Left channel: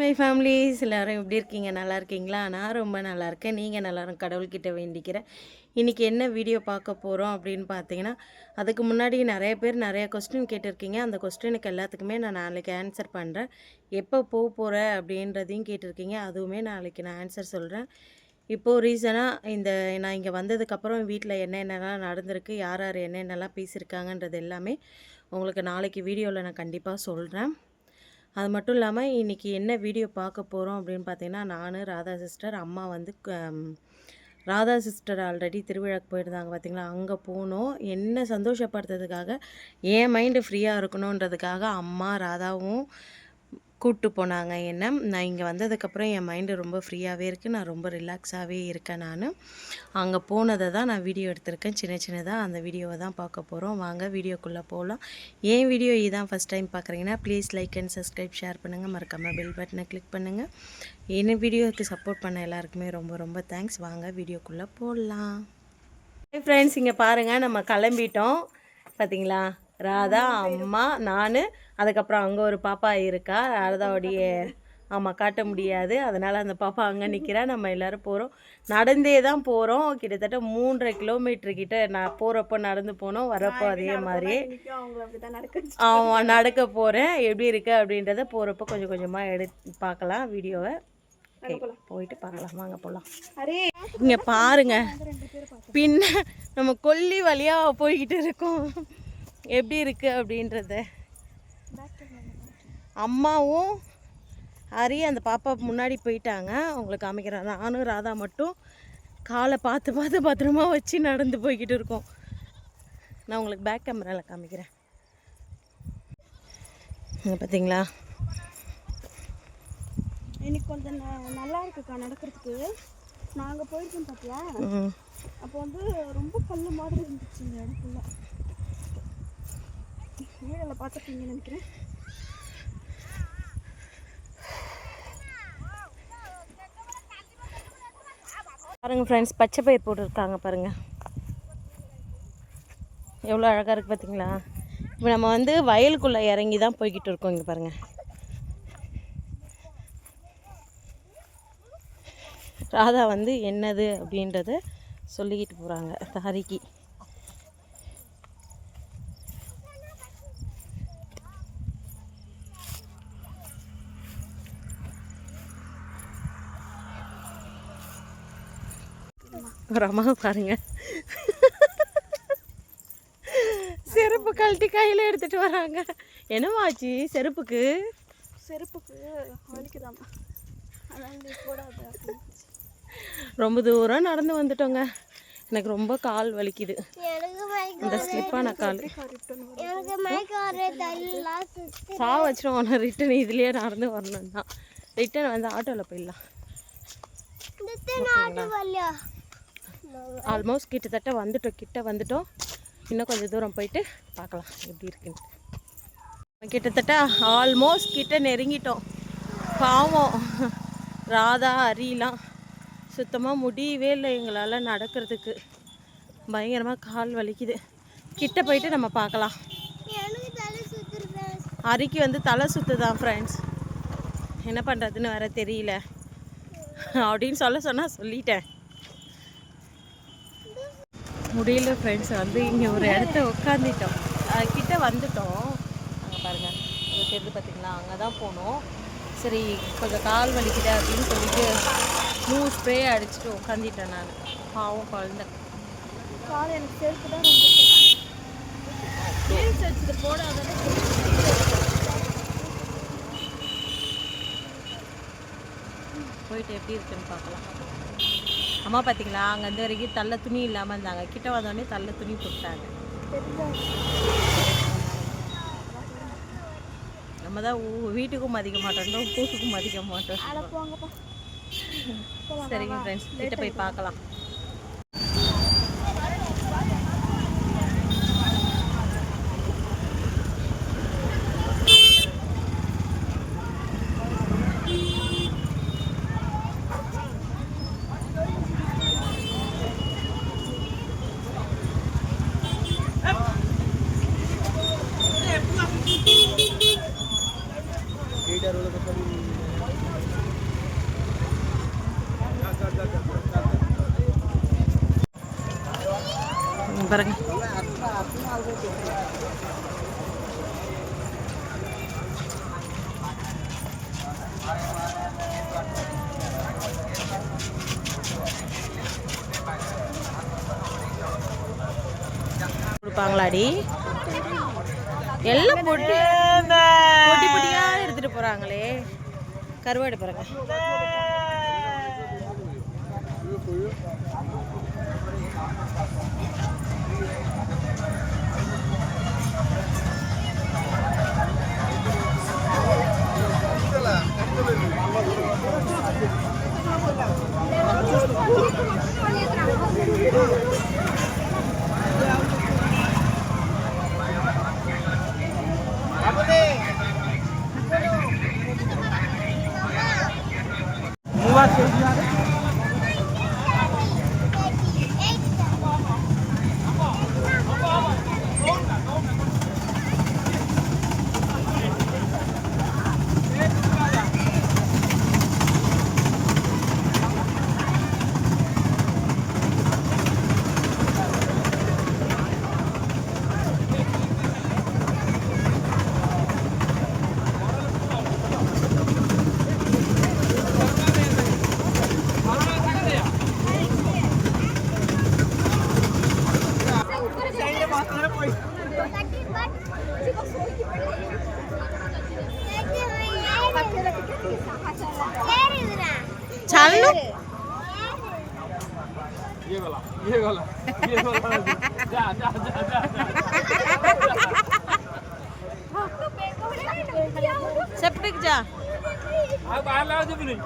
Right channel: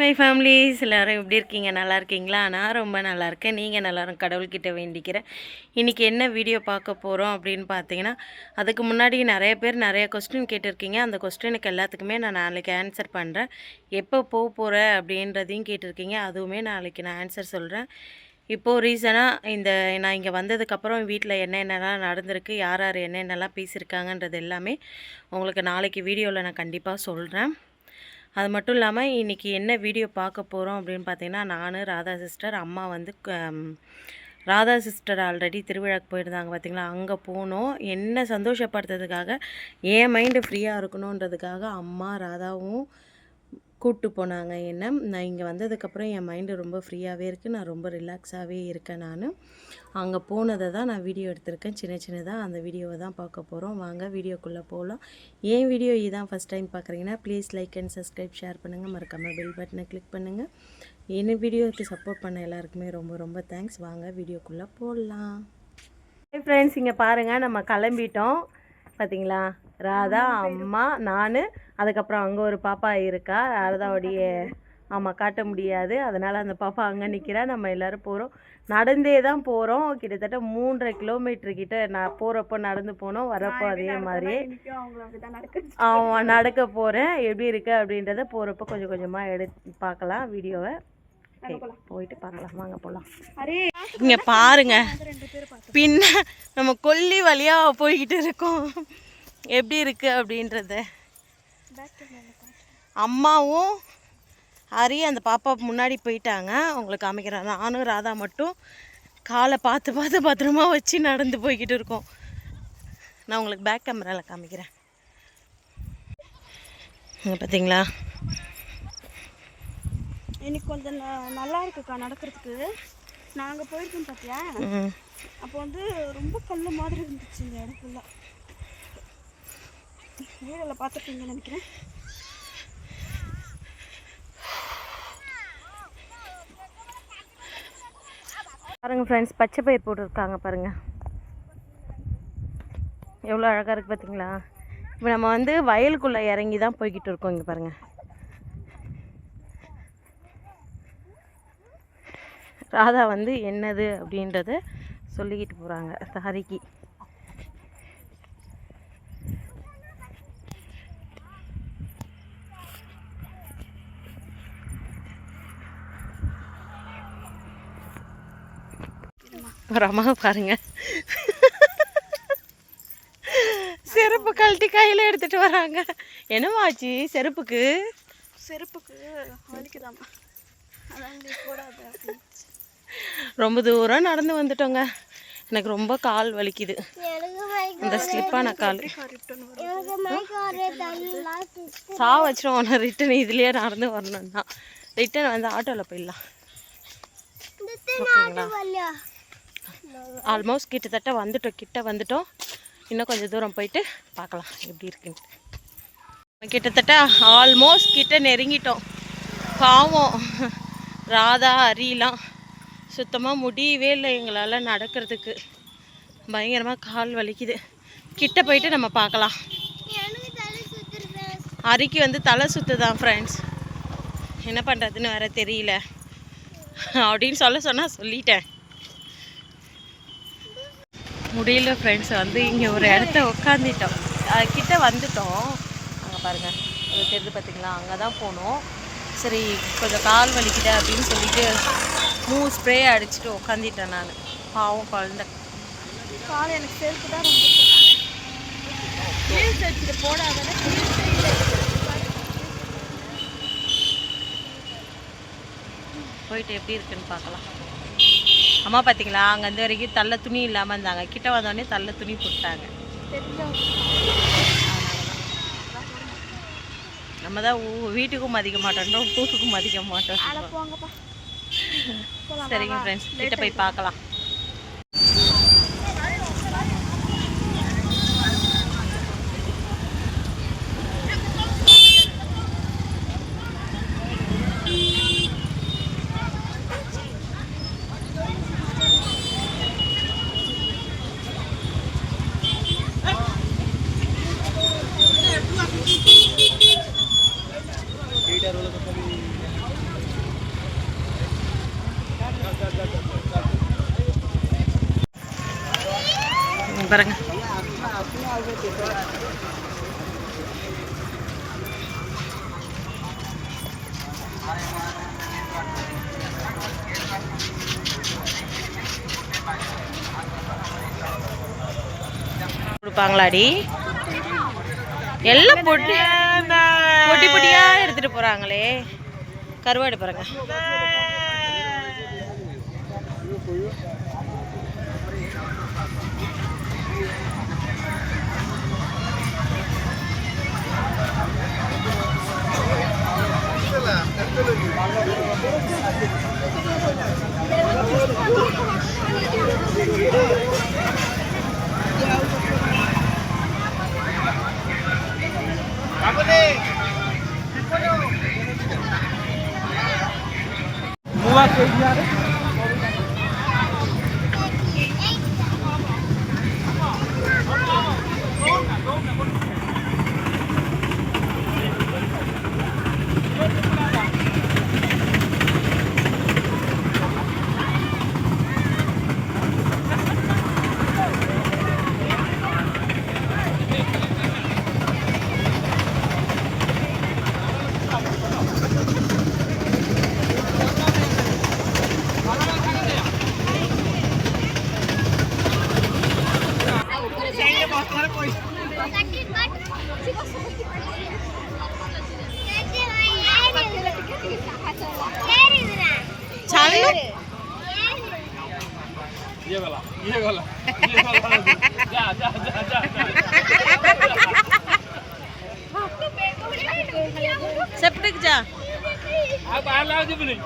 My families எல்லோரும் எப்படி இருக்கீங்க? நல்லா இருக்கீங்களா? நான் ரொம்ப நல்லா இருக்கேன். நீங்கள் நல்லாரும் கடவுள்கிட்ட வேண்டிக்கிறேன். இன்றைக்கி என்ன வீடியோ பார்க்க போகிறோம் அப்படின்னு பார்த்தீங்கன்னா, அதுக்கு முன்னாடி நிறைய பேர் நிறைய கொஸ்டின் கேட்டிருக்கீங்க. அந்த கொஸ்டினுக்கு எல்லாத்துக்குமே நான் நாளைக்கு ஆன்சர் பண்ணுறேன். எப்போ போகிற அப்படின்றதையும் கேட்டிருக்கீங்க. அதுவுமே நாளைக்கு நான் ஆன்சர் சொல்கிறேன். இப்போது ரீசனாக நான் இங்கே வந்ததுக்கப்புறம் வீட்டில் என்னென்னலாம் நடந்திருக்கு, யார் யார் என்னென்னலாம் பேசியிருக்காங்கன்றது எல்லாமே உங்களுக்கு நாளைக்கு வீடியோவில் நான் கண்டிப்பாக சொல்கிறேன். அது மட்டும் இல்லாமல் இன்றைக்கி என்ன வீடியோ பார்க்க போகிறோம் அப்படின்னு பார்த்தீங்கன்னா, நான் ராதா சிஸ்டர், அம்மா வந்து ராதா சிஸ்டர் ஆல்ரெடி திருவிழாக்கு போயிருந்தாங்க பார்த்தீங்களா, அங்கே போனோம். என்ன சந்தோஷப்படுத்துறதுக்காக, என் மைண்டு ஃப்ரீயாக இருக்கணுன்றதுக்காக அம்மா ராதாவும் கூப்பிட்டு போனாங்க என்ன. நான் இங்கே வந்ததுக்கப்புறம் என் மைண்டு ரொம்ப ஃப்ரீயாகவே இருக்குது. நான் ரொம்ப ரிலாக்ஸாகவே இருக்கேன். அங்கே போனதை தான் நான் வீடியோ எடுத்திருக்கேன். சின்னதாக அந்த வீடியோவை தான் பார்க்க போகிறோம். வாங்க வீடியோக்குள்ளே போகலாம். என் வீடியோ இதான் ஃபஸ்ட் டைம் பார்க்குறீங்கன்னா please like and subscribe, share பண்ணுங்கள். மறக்காமல் பெல் பட்டனை கிளிக் பண்ணுங்கள். என்ன வீடியோவுக்கு சப்போர்ட் பண்ண எல்லாருக்குமே ரொம்ப ரொம்ப தேங்க்ஸ். வாங்க வீடியோக்குள்ளே போடலாம். ஃப்ரெண்ட்ஸ், இங்கே பாருங்கள், நம்ம கிளம்பிட்டோம். பார்த்தீங்களா, ராதா, அம்மா, நான், அதுக்கப்புறம் அங்கே ஒரு பாப்பா இருக்கா, ராதாவுடைய ஆமாம் காட்ட முடியாது, அதனால் அந்த பாப்பா அங்கே நிற்கிறா. நம்ம எல்லோரும் போகிறோம். நடந்தே தான் போகிறோம். கிட்டத்தட்ட 3.5 கிலோமீட்டர் கிட்ட நான் போகிறப்போ நடந்து போனோம், வரப்போ அதே மாதிரியே ஆமாம் நடக்க போகிறேன். எப்படி இருக்குது அப்படின்றத போகிறப்போ கொஞ்சம் கொஞ்சமாக பார்க்கலாம் வீடியோவை. போயிட்டு பார்க்கலாம், வாங்க போகலாம். இங்கே பாருங்க, பின்ன நம்ம கொல்லி வழியாக போய்கிட்டு இருக்கோம். எப்படி இருக்குது அப்படின்றத அம்மாவும் ஹரி அந்த பாப்பா முன்னாடி போயிட்டாங்க. உங்களுக்கு காமிக்கிறேன். நானும் ராதா மட்டும் காலை பார்த்து பார்த்து பத்திரமா வச்சு நடந்து போய்கிட்டு இருக்கோம். நான் உங்களுக்கு பேக் கேமராவில் காமிக்கிறேன். பார்த்தீங்களா, இன்னைக்கு கொஞ்சம் நல்லா இருக்குக்கா நடக்கிறதுக்கு. நாங்கள் போயிருக்கோம் பார்த்தியா, அப்போ வந்து ரொம்ப கல் மாதிரி இருந்துச்சு இந்த இடத்துல. வீடியோவில் பார்த்துருக்கீங்கன்னு நினைக்கிறேன். பாருங்கள் ஃப்ரெண்ட்ஸ், பச்சை பயிர் போட்டுருக்காங்க பாருங்கள், எவ்வளோ அழகாக இருக்குது பார்த்தீங்களா. இப்போ நம்ம வந்து வயலுக்குள்ளே இறங்கி தான் போய்கிட்டு இருக்கோம். இங்கே பாருங்கள், ராதா வந்து என்னது அப்படின்றத சொல்லிக்கிட்டு போகிறாங்க ஹரிக்கு. ஒரு அம்மா பாருங்க, செருப்பு கழட்டி கையில் எடுத்துகிட்டு வராங்க. என்னமாச்சு செருப்புக்கு? செருப்புக்கு வலிக்குதாம்மா, ரொம்ப தூரம் நடந்து வந்துட்டோங்க. எனக்கு ரொம்ப கால் வலிக்குது, அந்த ஸ்லிப்பான கால். வச்சிருவோம் ரிட்டன் இதுலேயே நடந்து வரணும்னா. ரிட்டன் வந்து ஆட்டோவில் போயிடலாம். ஆல்மோஸ்ட் கிட்டத்தட்ட கிட்ட வந்துட்டோம். இன்னும் கொஞ்சம் தூரம் போயிட்டு பார்க்கலாம் எப்படி இருக்குன்ட்டு. கிட்டத்தட்ட ஆல்மோஸ்ட் கிட்ட நெருங்கிட்டோம். பாவம் ராதா, ஹரிலாம் சுத்தமாக முடியவே இல்லை எங்களால் நடக்கிறதுக்கு. பயங்கரமாக கால் வலிக்குது. கிட்ட போயிட்டு நம்ம பார்க்கலாம். ஹரிக்கு வந்து தலை சுற்றுதான் ஃப்ரெண்ட்ஸ், என்ன பண்ணுறதுன்னு வேறு தெரியல அப்படின்னு சொன்னால் சொல்லிட்டேன். முடியல ஃப்ரெண்ட்ஸ். வந்து இங்கே ஒரு இடத்த உட்காந்துட்டோம், கிட்ட வந்துட்டோம். அங்கே பாருங்கள், அது தெரிஞ்சு பார்த்தீங்களா, அங்கே தான் போனோம். சரி கொஞ்சம் கால் வலிக்குது அப்படின்னு சொல்லிட்டு ஸ்ப்ரே அடிச்சுட்டு உட்காந்துட்டேன் நான். பாவம் குழந்தை கால் எனக்கு செருப்பு தான் ரொம்ப ஹீல்ஸ் அடிச்சுட்டு போடாதானே. போயிட்டு எப்படி இருக்குன்னு பார்க்கலாம். அம்மா பார்த்தீங்களா, அங்கே அந்த வரைக்கும் தள்ள துணி இல்லாமல் இருந்தாங்க, கிட்ட வந்தோடனே தள்ள துணி போட்டாங்க. நம்ம தான் வீட்டுக்கும் மதிக்க மாட்டோம், ஊருக்கும் மதிக்க மாட்டோம். சரிங்க ஃப்ரெண்ட்ஸ், கிட்ட போய் பார்க்கலாம். பாருங்க. கொடுப்பாங்களாடி? எல்லாம் பொட்டி பொட்டி பொட்டியா எடுத்துட்டு போறாங்களே. கருவாடு பாருங்க. सेपटिक जा बाहर लाओ जी बोली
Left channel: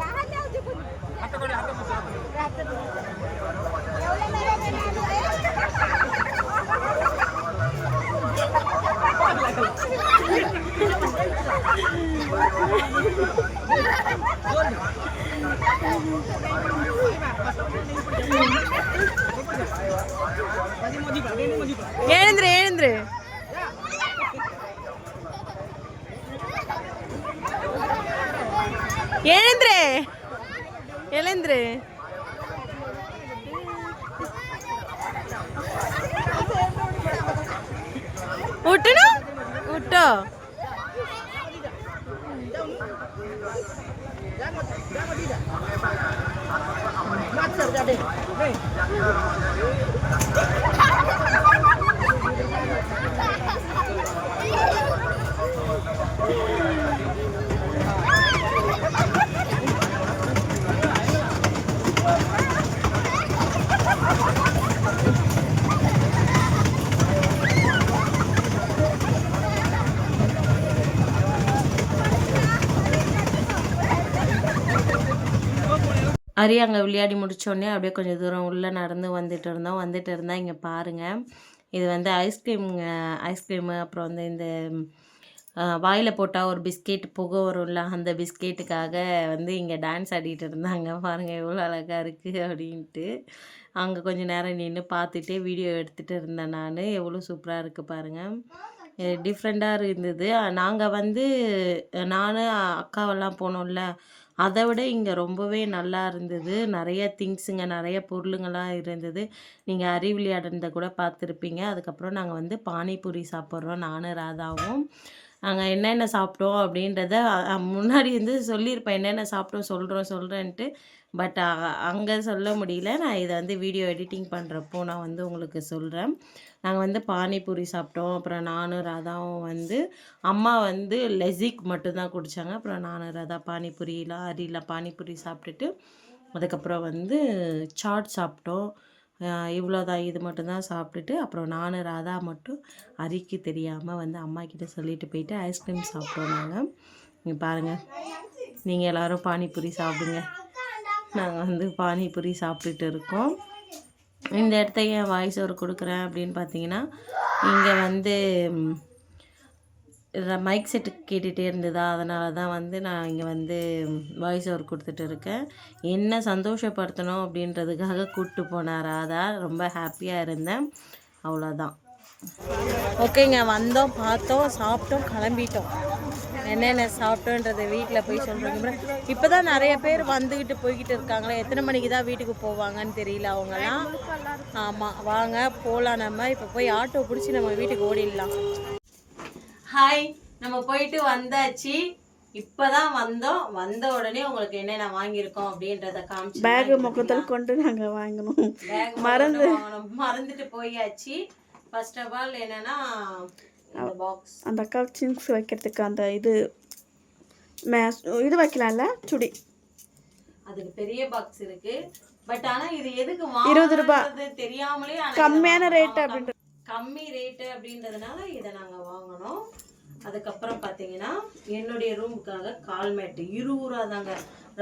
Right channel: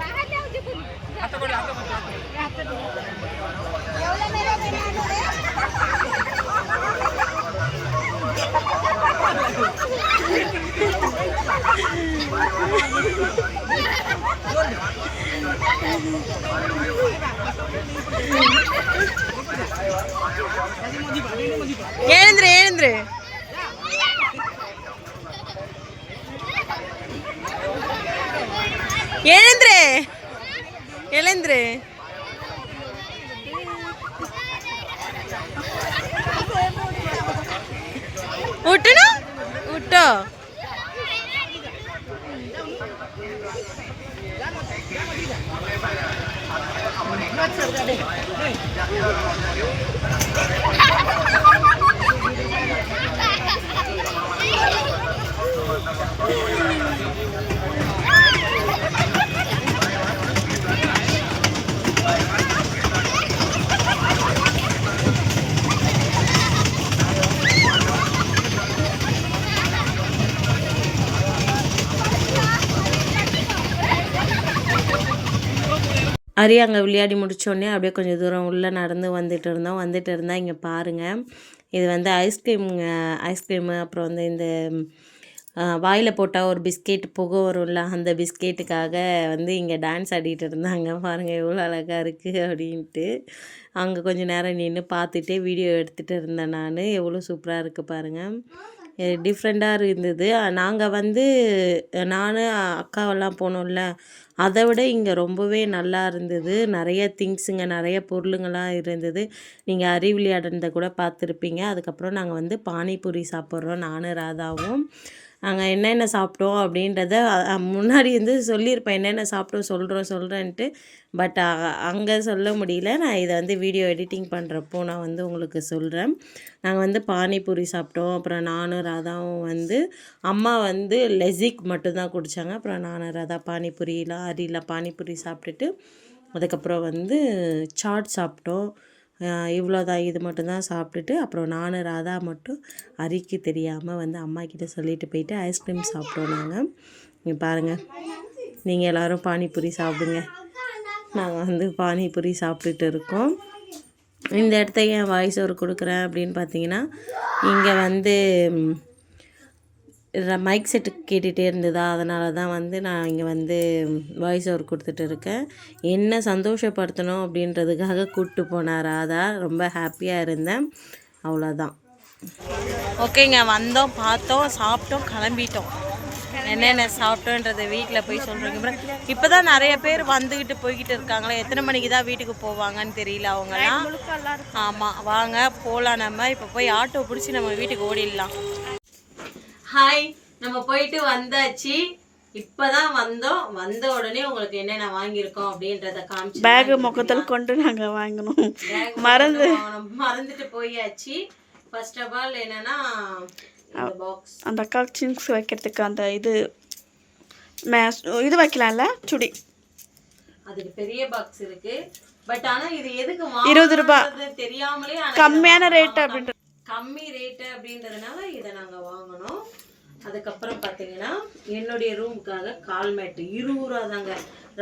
ஏந்திரு ஏந்திரு எழுந்துரு எழுந்துரு விட்டணும் விட்டோ அரி அங்கே விளையாடி முடித்தோடனே அப்படியே கொஞ்சம் தூரம் உள்ளே நடந்து வந்துட்டு இருந்தால் இங்கே பாருங்கள், இது வந்து ஐஸ்கிரீமு அப்புறம் வந்து இந்த வாயில் போட்டால் ஒரு பிஸ்கெட் புகை வரும்ல, அந்த பிஸ்கெட்டுக்காக வந்து இங்கே டான்ஸ் ஆடிட்டு இருந்தாங்க. பாருங்கள் எவ்வளோ அழகாக இருக்குது அப்படின்ட்டு. அங்கே கொஞ்சம் நேரம் நின்று பார்த்துட்டே வீடியோ எடுத்துகிட்டு இருந்தேன் நான். எவ்வளோ சூப்பராக இருக்குது பாருங்கள், டிஃப்ரெண்ட்டாக இருந்தது. நாங்கள் வந்து நான் அக்காவெல்லாம் போனோம்ல, அதை விட இங்கே ரொம்பவே நல்லா இருந்தது. நிறைய திங்ஸுங்க, நிறைய பொருளுங்கள்லாம் இருந்தது. நீங்கள் அரி விளையாடுறத கூட பார்த்துருப்பீங்க. அதுக்கப்புறம் நாங்கள் வந்து பானிபூரி சாப்பிட்றோம், நானும் ராதாவும். நாங்கள் என்னென்ன சாப்பிட்டோம் அப்படின்றத முன்னாடி வந்து சொல்லியிருப்பேன், என்னென்ன சாப்பிட்டோம் சொல்கிறேன்ட்டு. பட் அங்கே சொல்ல முடியல. நான் இதை வந்து வீடியோ எடிட்டிங் பண்ணுறப்போ நான் வந்து உங்களுக்கு சொல்கிறேன். நாங்கள் வந்து பானிபூரி சாப்பிட்டோம். அப்புறம் நானும் ராதாவும் வந்து அம்மா வந்து லெசிக் மட்டும்தான் குடித்தாங்க. அப்புறம் நானும் ராதா அரியில் பானிபூரி சாப்பிட்டுட்டு அதுக்கப்புறம் வந்து சாட் சாப்பிட்டோம். இவ்வளோதான், இது மட்டும்தான் சாப்பிட்டுட்டு அப்புறம் நானும் ராதா மட்டும் அரிக்கு தெரியாமல் வந்து அம்மாக்கிட்ட சொல்லிட்டு போயிட்டு ஐஸ்கிரீம் சாப்பிட்டோம். நாங்கள் இங்கே பாருங்கள், நீங்கள் எல்லோரும் பானிபூரி சாப்பிடுங்க. நாங்கள் வந்து பானிபூரி சாப்பிட்டுட்டு இருக்கோம். இந்த இடத்த ஏன் வாய்ஸ் ஓவர் கொடுக்குறேன் அப்படின்னு பார்த்தீங்கன்னா, இங்கே வந்து மைக் செட்டு கேட்டுகிட்டே இருந்ததா, அதனால தான் வந்து நான் இங்கே வந்து வாய்ஸ் ஓவர் கொடுத்துட்டு இருக்கேன். என்ன சந்தோஷப்படுத்தணும் அப்படின்றதுக்காக கூப்பிட்டு போனார் ராதா. ரொம்ப ஹாப்பியாக இருந்தேன், அவ்வளோதான். ஓகேங்க, வந்தோம், பார்த்தோம், சாப்பிட்டோம், கிளம்பிட்டோம். என்னென்ன சாப்பிட்டோன்றதை வீட்டில் போய் சொல்கிறீங்க. இப்போ தான் நிறைய பேர் வந்துக்கிட்டு போய்கிட்டு இருக்காங்களே, எத்தனை மணிக்கு தான் வீட்டுக்கு போவாங்கன்னு தெரியல அவங்கெல்லாம். ஆமாம், வாங்க போகலாம். நம்ம இப்போ போய் ஆட்டோ பிடிச்சி நம்ம வீட்டுக்கு ஓடிடலாம். ஹாய், நம்ம போயிட்டு வந்தாச்சு. இப்போதான் வந்த உடனே உங்களுக்கு என்னென்ன வாங்கியிருக்கோம் அப்படின்றத காமிச்சு பேக் முகத்தில் கொண்டு நாங்கள் வாங்கணும். மறந்துட்டு போயாச்சு. ஃபர்ஸ்ட் ஆஃப் ஆல் என்னன்னா பாக்ஸ், அந்த அக்கா சிங்ஸ் வைக்கிறதுக்கு அந்த இது வைக்கலாம்ல, சுடி, அதுக்கு பெரிய பாக்ஸ் இருக்கு. பட் ஆனா இது எதுக்கு 20 ரூபாய் தெரியாமலே கம்மியான ரேட் அப்படின்றது, கம்மி ரேட்டு அப்படின்றதுனால இதை நாங்கள் வாங்கினோம். அதுக்கப்புறம் பார்த்தீங்கன்னா என்னுடைய ரூமுக்காக கால் மேட்டு 20 ரூபா தாங்க.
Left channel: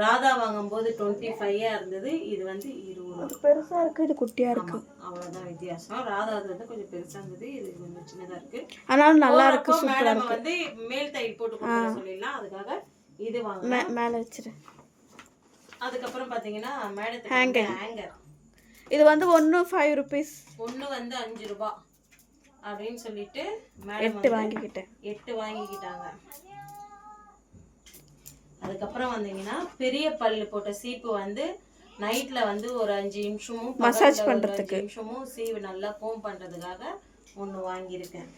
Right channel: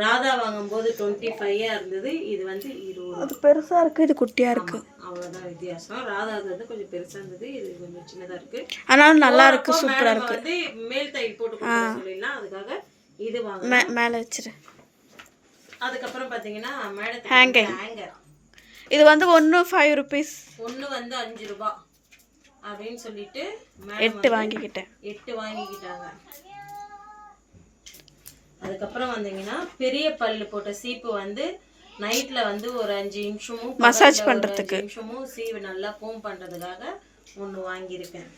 ராதா வாங்கும்போது 25 இருந்தது, இது வந்து 20 ரூபா. அது பெருசாக இருக்குது, இது குட்டியாக இருக்குது, அவ்வளோதான் வித்தியாசம். ராதா வந்து கொஞ்சம் பெருசாக இருந்தது, இது கொஞ்சம் சின்னதாக இருக்குது. ஆனாலும் நல்லா இருக்குது, சூப்பராக இருக்குது. வந்து மேல் தையல் போட்டு சொல்லிடலாம், அதுக்காக இது வாங்க மேலே வச்சிரு. அதுக்கப்புறம் பார்த்தீங்கன்னா மேடத்துக்கு ஹேங்கர், இது வந்து ஒன்று 5 ருபீஸ், ஒன்று வந்து 5 ரூபா அப்படின்னு சொல்லிட்டு 8 வாங்கிக்கிட்டேன். 8 வாங்கிக்கிட்டாங்க. அதுக்கப்புறம் வந்தீங்கன்னா பெரிய பல்லு போட்ட சீப்பு வந்து நைட்ல வந்து ஒரு 5 நிமிஷமும் மசாஜ் பண்றதுக்கு, 5 நிமிஷமும் சீவு நல்லா கோம் பண்றதுக்காக ஒன்று வாங்கியிருக்கேன்.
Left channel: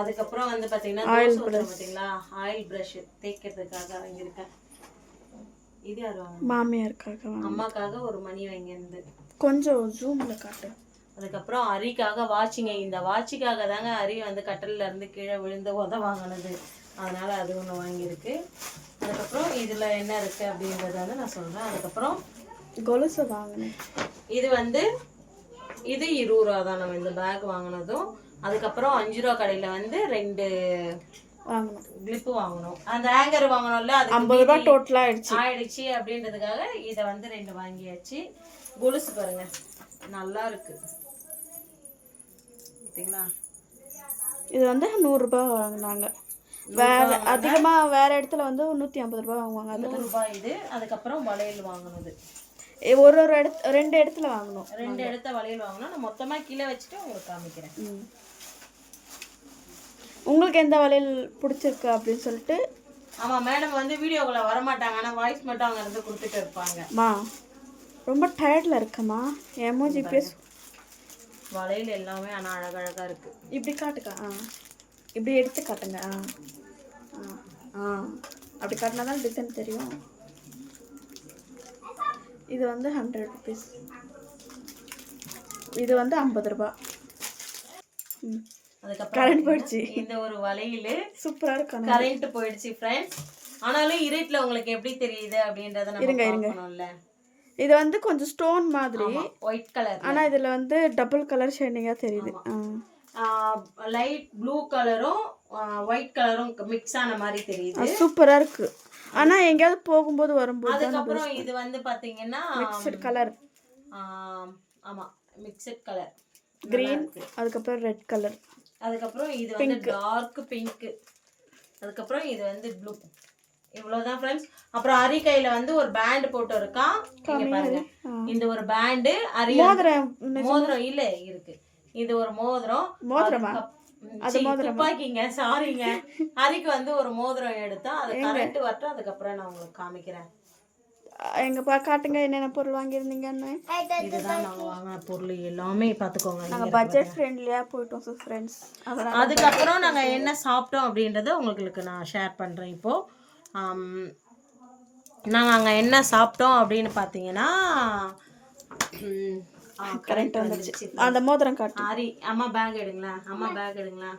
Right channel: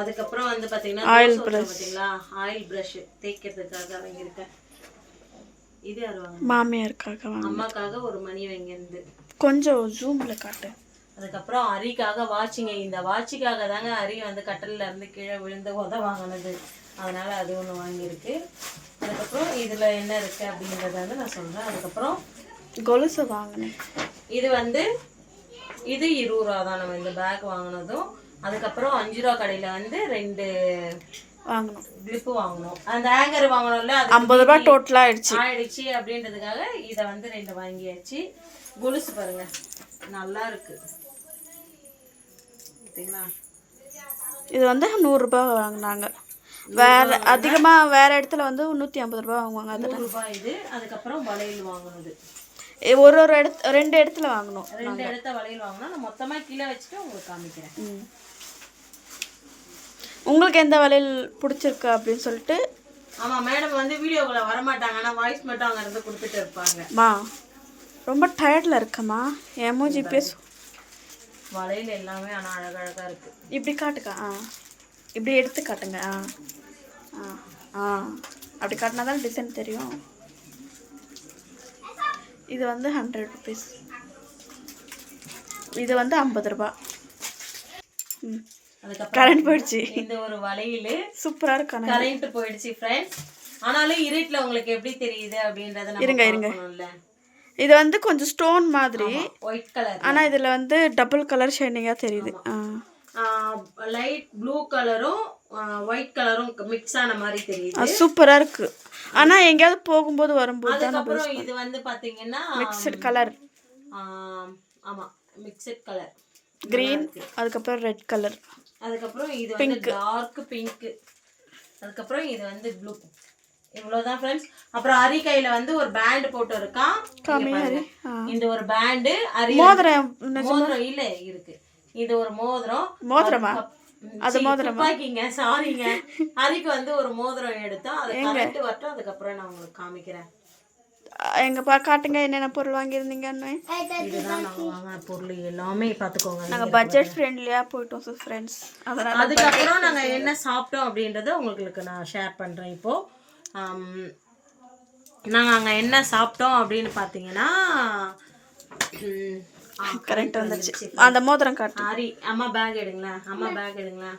அதுக்கப்புறம் வந்து பார்த்தீங்கன்னா ஆயில் ப்ரஷ் தேய்க்கிறதுக்காக வாங்கியிருக்கேன். இது யார் வாங்க? மாமியாருக்காக, அம்மாக்காக ஒரு மணி வாங்கியிருந்து. கொஞ்சம் ஜூம்ல காட்டு. அதுக்கப்புறம் அரிக்காக வாட்சிங்க. இந்த வாட்சிக்காக தாங்க அரி வந்து கட்டலில் இருந்து கீழே விழுந்து வாங்கினது, அதனால அது ஒன்று வாங்கியிருக்கு. அதுக்கப்புறம் இதில் என்ன இருக்குது அப்படின்றத வந்து நான் சொல்கிறேன். அதுக்கப்புறம் கொலுசு வாங்கினேன். இது வந்து இது 20 ரூபா தான் நம்ம இந்த பேக் வாங்கினதும். அதுக்கப்புறம் 5 ரூபா கடையில் வந்து 2 வாங்கணும், கிளிப்பு வாங்கணும். அந்த ஹேங்கர் வாங்கணும்ல, அது 50 ரூபா டோட்டலாக ஆயிடுச்சு அப்படின்றதுக்காக இதை வந்து 2 வாங்கியாச்சு. கொலுசு பாருங்க, நல்லா இருக்கு பார்த்தீங்களா. இது வந்து 100 ரூபாய் வாங்கினாங்க. வேற அதிகமாக வேற இடத்துல வந்து 150 ரூபாய் வாங்குவாங்க, அது 100 ரூபாய் இது. அதுக்கப்புறம் வளையல் வாங்கினது ஒரு 2 இடத்துல வாங்கணும். 2 இடத்த வளையல் வாங்கினா நான் மொத்தமாக கீழே வச்சுட்டு உங்களுக்கு காமிக்கிறேன். உங்களுக்கு எந்த வளையல் பிடிச்சிருக்கு அப்படின்னு சொல்லிட்டு. ஆமாம், மேடம் வந்து வீடியோக்குள்ள வரமாட்டாங்க, ஆனால் வாய்ஸ் மட்டும் அங்கே இருந்து கொடுத்துட்டு இருப்பாங்க. ரொம்ப டயர்டில் இருக்கம்மா, எமோஜி பேசு. வளையல் எல்லாமே ஆனால் அழகழகாக இருக்குது. இப்படி காட்டுக்கா, இப்படி எடுத்து காட்டுங்க. அப்படி காட்டினா தான் டிசைன் தெரியும். இது வந்து 100 ருபீஸ், இது வந்து 50 ரூபா. கரண்ட் போயிடுச்சு. இந்த ஒரு வளையல் சூப்பராக இருக்கு, கரண்ட் போயிடுச்சு ஃப்ரெண்ட்ஸ். ஆனாலும் இருட்டில் உங்களுக்கு எப்படி தெரியுது அப்படின்றத இருங்க. இது வந்து கொஞ்சம் ஸ்டோன் மாதிரி ஒயிட் கலர், ஆனால் இதில் வந்து டபுள் கலர் ஷைனிங்காக தெரியுது. லைட் ப்ளூ கலரும் ஒயிட் கலரும் மிக்ஸ் ஆன மாதிரி தெரியுது. சூப்பராக இருக்கு. ஆனால் எங்கேயாவது போகும்போது வரும்போது. அதுக்கப்புறம் இது வந்து பார்த்தீங்கன்னா மிக்சட் கலர். ஆமாம், மிக்சட் கலர் கிரீன், அதுக்கப்புறம் ரெட் கலர், அதுக்கப்புறம் இது வந்து டார்க் பிங்க், அதுக்கப்புறம் இது வந்து ப்ளூ. இவ்வளோதான் ஃப்ரெண்ட்ஸ். அப்புறம் அரி கையில் வந்து ஒரு பேண்ட் போட்டு இருக்கான். இந்த ஒரு பேண்டு, அரி மோதிரம் இல்லை இருக்கு. இது ஒரு மோதிரமா? அது மோதிரமாக்கிங்க, சாரிங்க. அரிக்கு வந்து ஒரு மோதிரம் எடுத்தோம், அது கரெக்ட் வரட்டும், அதுக்கப்புறம் நான் உங்களுக்கு காமிக்கிறேன். எங்க காட்டுங்க என்னென்ன பொருள் வாங்கியிருந்தீங்கன்னு. இதுதான் நாங்கள் வாங்கின பொருள் எல்லாமே பார்த்துக்கோங்க. நாங்கள் பட்ஜெட் ஃப்ரெண்ட்லியாக போயிட்டோம் ஃப்ரெண்ட்ஸ். அதனால் அதுக்கப்புறம் நாங்கள் என்ன சாப்பிட்டோம் அப்படின்றத உங்களுக்கு நான் ஷேர் பண்ணுறேன். இப்போது நாங்கள் அங்கே என்ன சாப்பிட்டோம் அப்படின்னு பார்த்தீங்கன்னா, கரெக்ட் வந்துச்சு. அந்த மோதிரம் காட்டு. ஆரி, அம்மா பேக் எடுங்களா.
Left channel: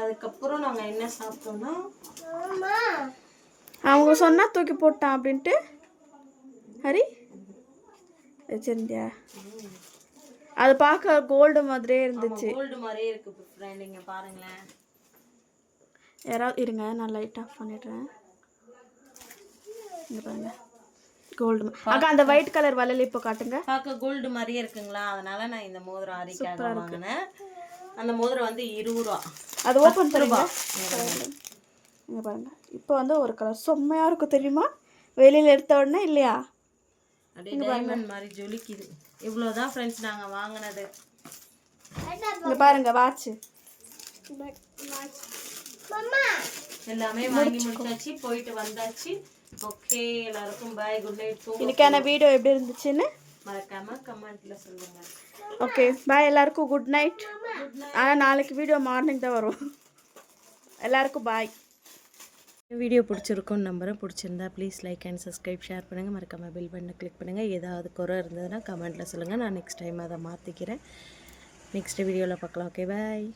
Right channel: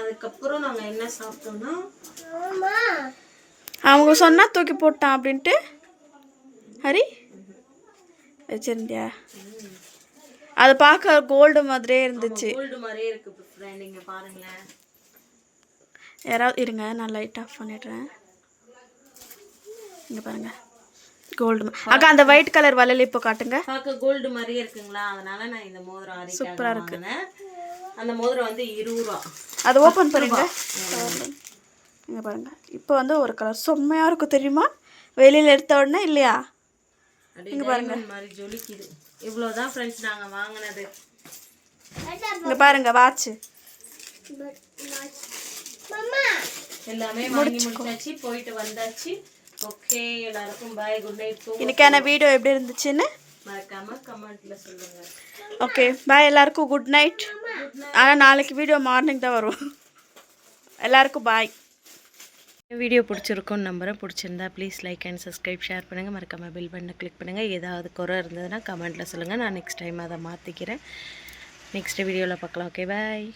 அதுக்கப்புறம் நாங்கள் என்ன சாப்பிட்டோம்னா, அவங்க சொன்னா தூக்கி போட்டான் அப்படின்ட்டு ஹரி வச்சிருந்தியா? அது பார்க்க கோல்டு மாதிரியே இருந்துச்சு. கோல்டு மாதிரியே இருக்கு ஃப்ரெண்ட், இங்க பாருங்களேன். யாராவது இருங்க, நான் லைட் ஆஃப் பண்ணிடுறேன். இங்க பாருங்க, கோல்டு. அக்கா அந்த ஒயிட் கலர் வளையல் இப்போ காட்டுங்க. பார்க்க கோல்டு மாதிரியே இருக்குங்களா, அதனால நான் இந்த மோதிரம் ஆரி சூப்பரா இருக்கு. அந்த மோதிரம் வந்து 20 ரூபா. அதை ஓப்பன் பண்ணுங்க. இங்கே பாருங்கள், இப்போ வந்து ஒரு கலர் செம்மையாக இருக்கும் தெரியுமா, வெளியில் எடுத்த உடனே இல்லையா? இங்கே பாருங்கள், மாதிரி ஜொலிக்குது. இவ்வளோதான் ஃப்ரெண்ட்ஸ் நாங்கள் வாங்கினது. இங்கே பாருங்கள், வாட்ச் எல்லாமே வாங்கி முடிச்சாச்சு, போயிட்டு வந்தாச்சு. ஓகே, எல்லாருக்கும் பாய், குட் நைட். இன்னைக்கான வீடியோ எப்படி இருந்துச்சுன்னு மறக்காம கமெண்ட்ல சொல்லுங்க. ஓகே பாய், எல்லாருக்கும் குட் நைட். ஆனால் நாளைக்கு வீடியோ மார்னிங் தான் வரும். எல்லாருக்கும் பாய். வீடியோ பிடிச்சிருக்கும்னு நம்புகிறேன். பிடிச்சிருந்தா please like and subscribe, share பண்ணுங்கள். மறக்காமல் பெல் பட்டனை கிளிக் பண்ணுங்கள். ஏதாவது குறை இருந்ததுன்னா கமெண்ட்டில் சொல்லுங்கள். நான் நெக்ஸ்ட் டைம் அதை மாற்றிக்கிறேன். நெக்ஸ்ட் வீடியோவில் பார்க்கலாம். Okay bye.